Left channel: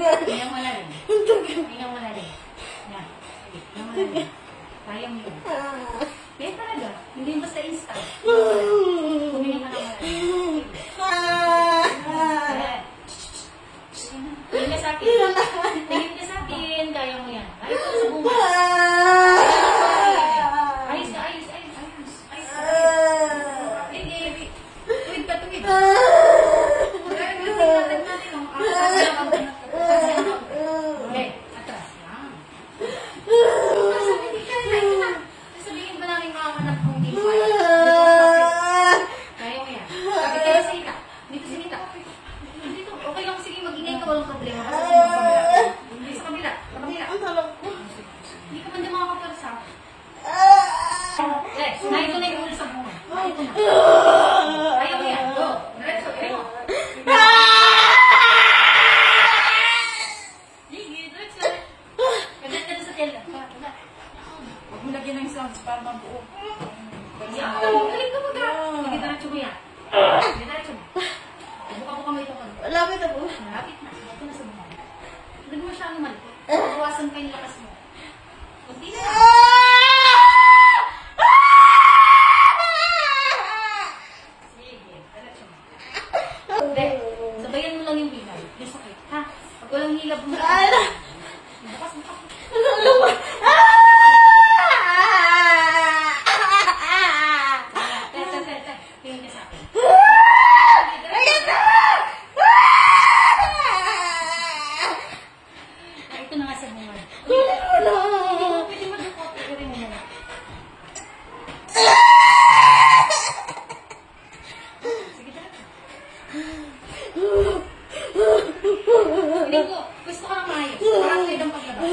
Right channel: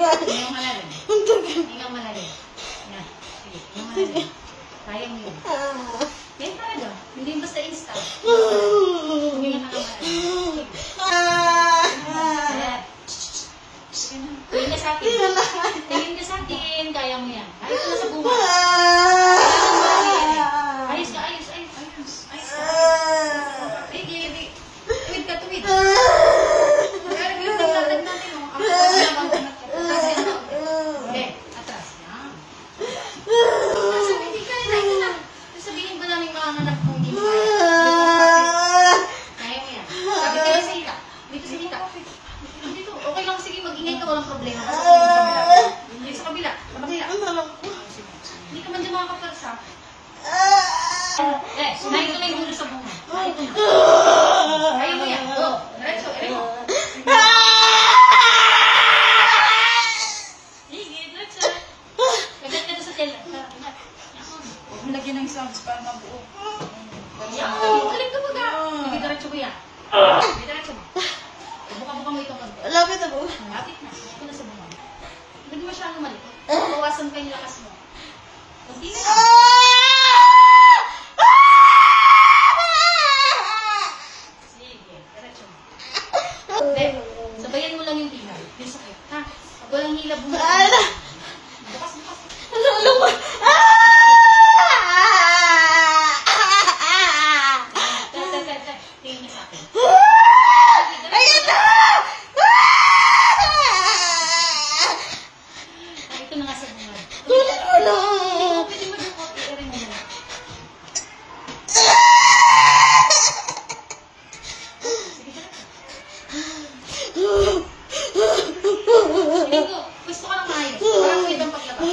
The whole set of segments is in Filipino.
Hingang malalim. Hingang malalim. Yan. Sige, hingang malalim. Kaya mo yun. Yan talaga. Hindi basta insta. Huminga ka ng malalim. Tingin ka sa akin. Tingin ka sa akin. Kaya mo yan. Ayos ka sa bunga. Ayos ka, ayos. Tuwid ka, tuwid. Pero yung tingnan natin, okay, atras. Yan. Sabihin ba namin mga anak kong hindi mo kaya mo yan. Sabi ka na sa hita. Dito sa hita. Dito. Okay lang, sige, mag-ingay ka, walang problema. Basta sa kabila. Hindi sa kabila. Sa kabila. Hindi ka man dyan makakapersa. Na ito na yung dulo sa bunga. Ito na. Kaya mo yan. Go. Diretso. Ere mo. Sige, diretso. Kagat ka sa tela. Huwag mo lagyan ng sounds para mabuo. Yan. Galing ka mo ka. Sige, diretso mo yan. Sige, diretso mo. Buka-buka mo ito konti. Lapit na po. Lapit na. Ito na sa bunga. Hindi mo siya lumalik. Bawasan pa yung lakas mo. Kunti na. Sabayan mo lang yung hila. Yung sakit, ha? Pag walang hila, bukas. Bukas. Tingin niya sa akin. Ito na nga sa bunga. Pwede mo dukot. Ito mo yan. Linggo, gusto ko lang maayos. Parang pwede ang paglabas.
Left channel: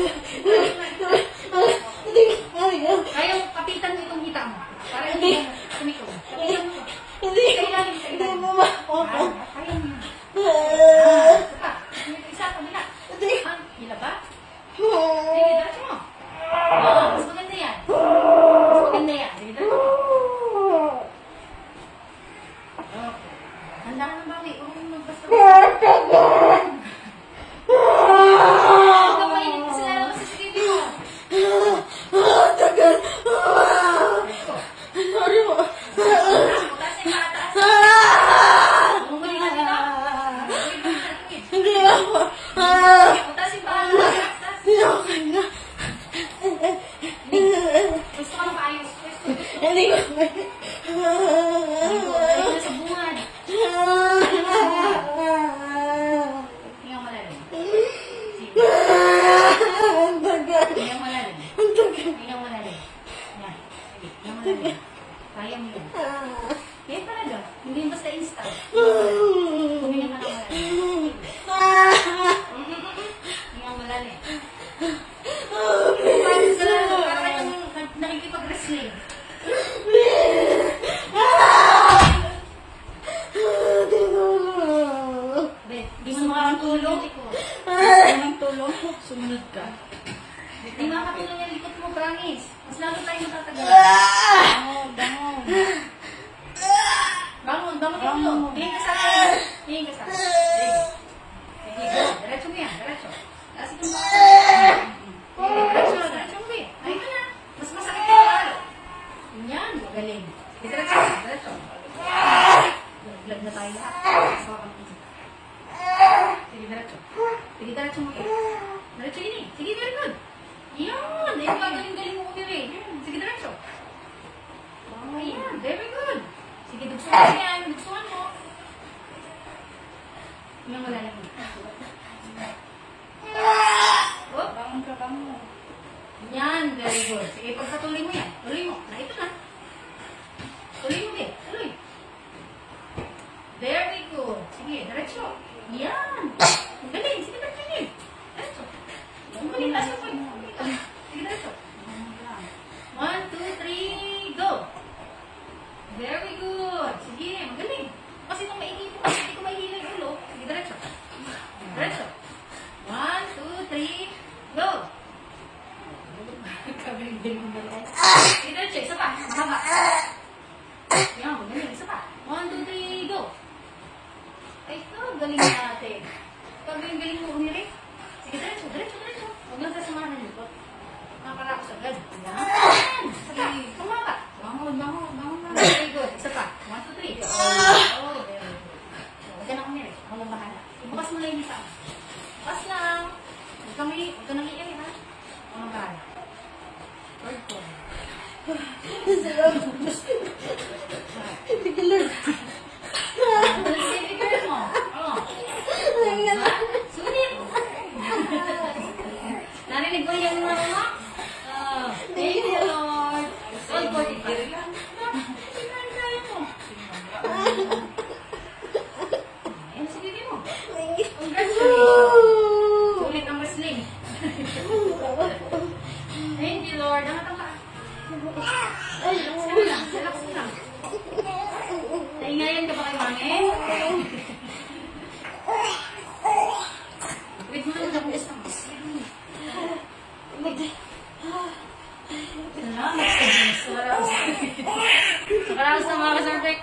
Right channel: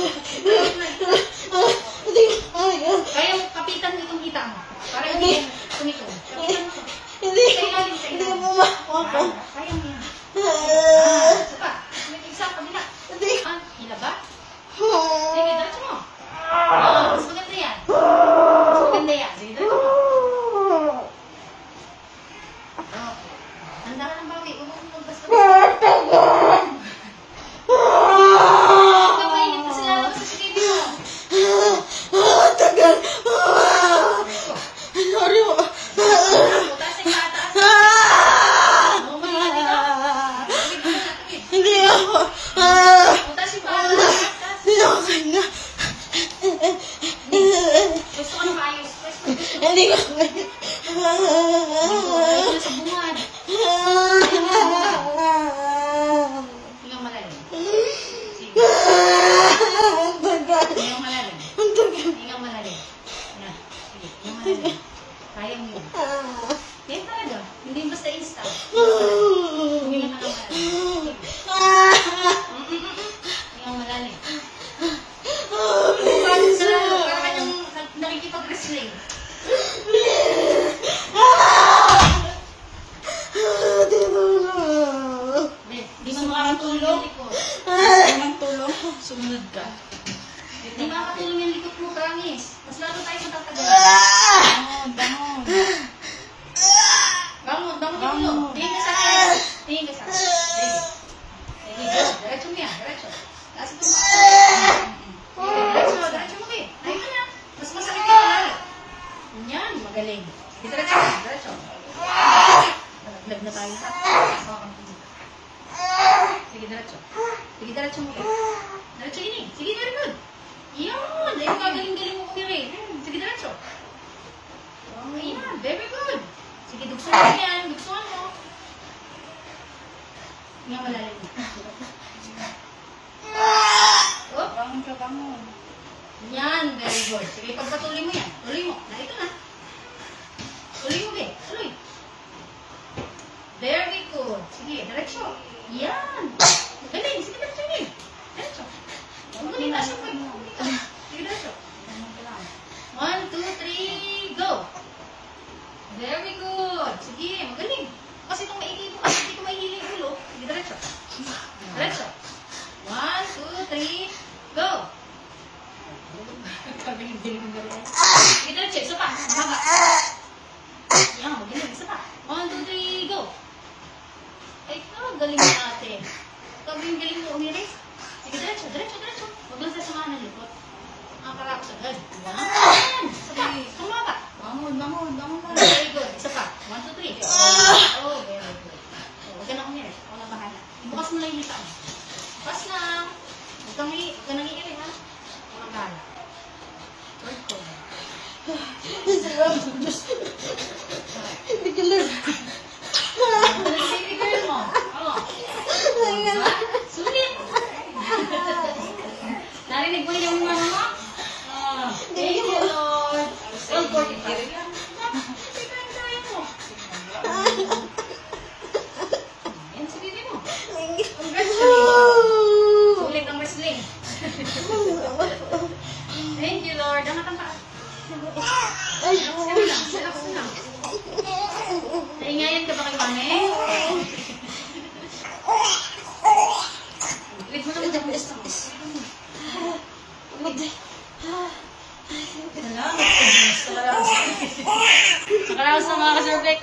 Kaya mo, kapitan mo itong hita mo. Parang hindi mo tumiko. Kapitan mo. Hindi ka bumako. Kaya mo yan. Sapa, isa, pamila. Hila ba? Sige, diretso mo. Mas maganda yan. Mas maganda yan. Sige, diretso mo. Handa ka ng bawi. Huwag mo basta. Kaya mo yun. Yan talaga. Hindi basta insta. Huminga ka ng malalim. Hingang malalim. Parang nakikipag-wrestling. Di mo makakatulong. Ang tulong. Sumunod ka. Di makakatulong yung likot mo, promise. Mas lalo tayo matatagal. Bangon. Bangon. Tingin ka sa akin. Tingin ka sa akin. Sige. Diretso mo yan. Diretso. Taas itong baka. Diretso mo, be. Ayun ka na. Mas masakit ka na lalo. Yan. Magaling. Diretso. Naglag na tayo. Sige, diretso mo. Diretso ini. Sige, very good. Yan. Ayun, gagaling-galing mo kumiri. Sige, diretso. Oh, yan. Very good. Sige, dugsungan mo yan. Dugsungan mo. Yan, wala lang. Oh, Bangon ka, bangon. yan. Very good. Sige, pagpatuloy mo yan. Tuloy mo. Na ito na. Tuloy mo, be. Tuloy. Very good. Sige, diretso. Yan. Magaling. Sige, diretso niya. Diretso. Magaling. Taas yung point. Sige, diretso. 1, 2, 3, go. Very good. Sige, magaling. Kasi nung maigi mo kasi, hindi ko mahihila yung ulo. Sige, diretso. Diretso. 1, 2, 3, go. Sige, diretso. Isa pa. Mahaba. Yan, magaling. Isa pa. 1, 2, 3, go. Ay, galing natin. Galing mo, umiri. Pas lang. Huwag kang nangiiri, ha? Makakal. Word ko. Baby girl mo. Oh. Ha? Sulit. Narinig mo yung mama mo? Thank you, Lord. 145. Yan, sige mo. Sulit ang wrestling. Thank you, Lord. Angat ang paa. Relax lang. Naingayan ka ba kay mami? Wait mo naman ako gusto mo. Salamat sa mga ka-cervix.